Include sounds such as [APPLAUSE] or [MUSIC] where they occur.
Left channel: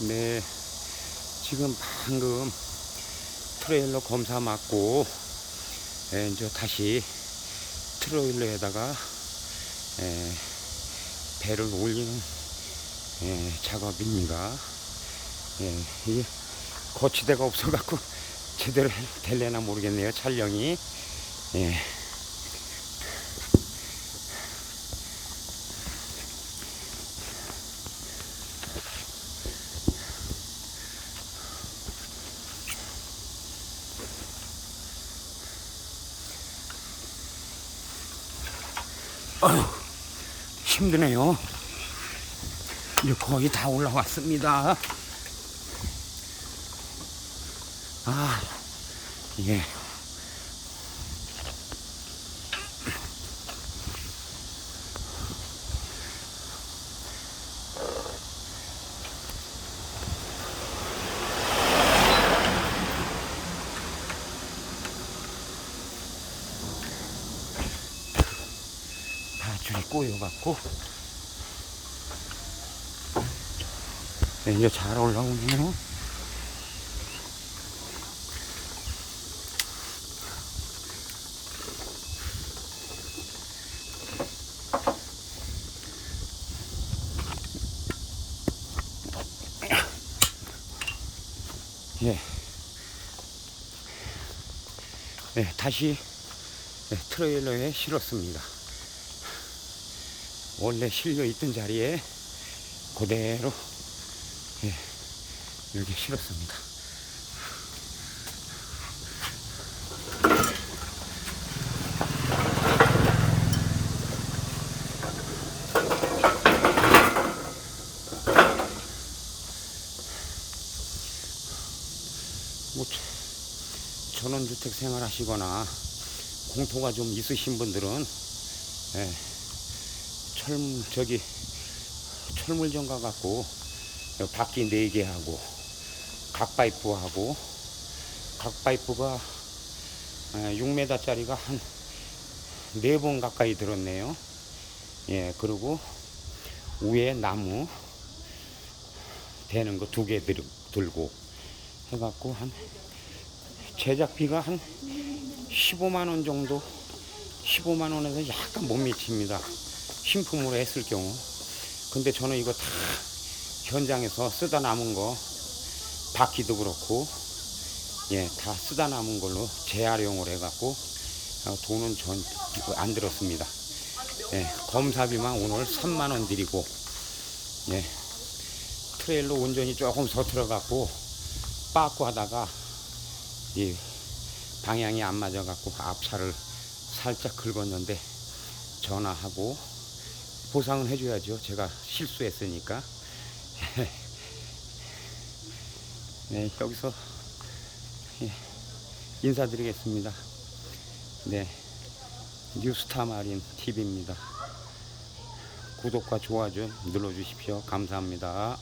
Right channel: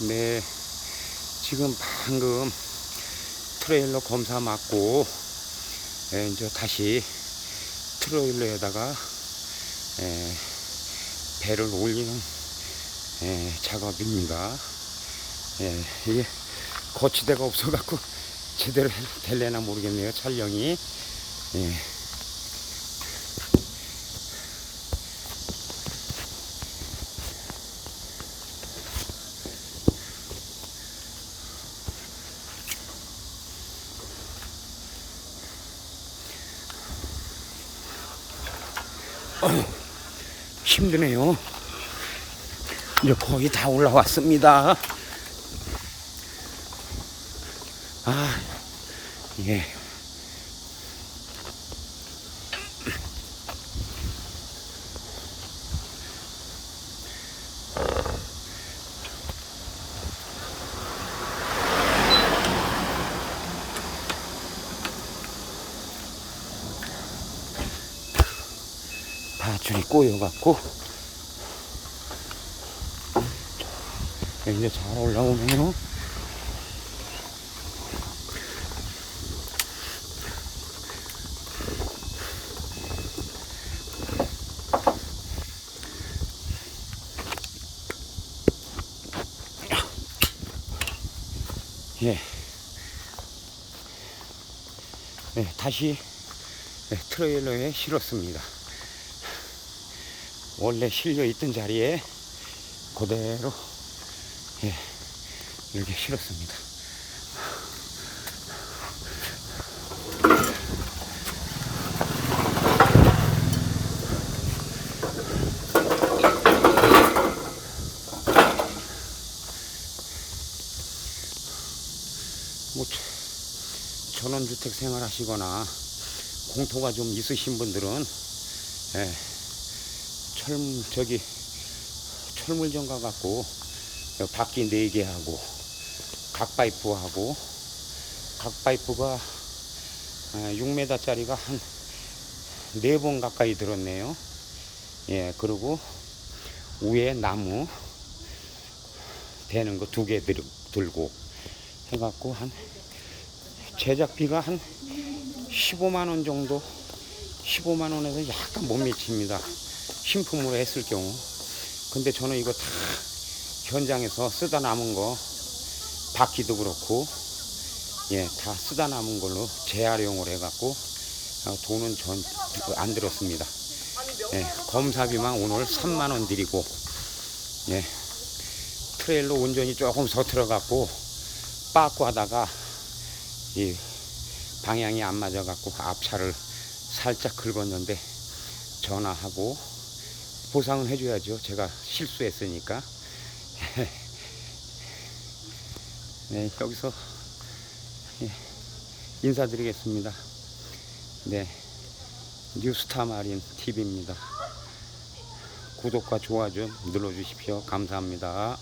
네, 지금 방금 트레일러 검사 맞고 예, 이제 다시 트레일러에다가 예, 배를 올리는 예, 작업입니다. 예, 이게 거치대가 없어갖고 [LAUGHS] 제대로 될래나 모르겠네요. 촬영이. 예. 어휴, 힘드네요. 이제 거의 다 올라왔습니다. 아, 예. 줄이 꼬여갖고 네, 이제 잘 올라오네요. 예. 네, 다시 네, 트레일러에 실었습니다. 원래 실려 있던 자리에 그대로 예, 이렇게 실었습니다. 뭐 저- 전원주택 생활하시거나 공터가 좀 있으신 분들은 예, 철 저기 철물점 가갖고 바퀴 네개 하고 각 파이프 하고 각 파이프가 6m짜리가 한네번 가까이 들었네요. 예, 그리고 위에 나무 되는 거 두 개 들고 해갖고 한 제작비가 한 15만 원 정도 15만 원에서 약간 못 미칩니다. 신품으로 했을 경우. 근데 저는 이거 다 현장에서 쓰다 남은 거 바퀴도 그렇고 예, 다 쓰다 남은 걸로 재활용을 해갖고 어, 돈은 전 안 들었습니다. 예, 검사비만 오늘 3만 원 드리고 예, 트레일러 운전이 조금 서툴어갖고 빠꾸 하다가 이 방향이 안 맞아갖고 앞차를 살짝 긁었는데 전화하고 보상은 해줘야죠. 제가 실수했으니까. [LAUGHS] 네, 여기서 예, 인사드리겠습니다. 네, 뉴스타 마린 TV입니다. 구독과 좋아요 좀 눌러주십시오. 감사합니다.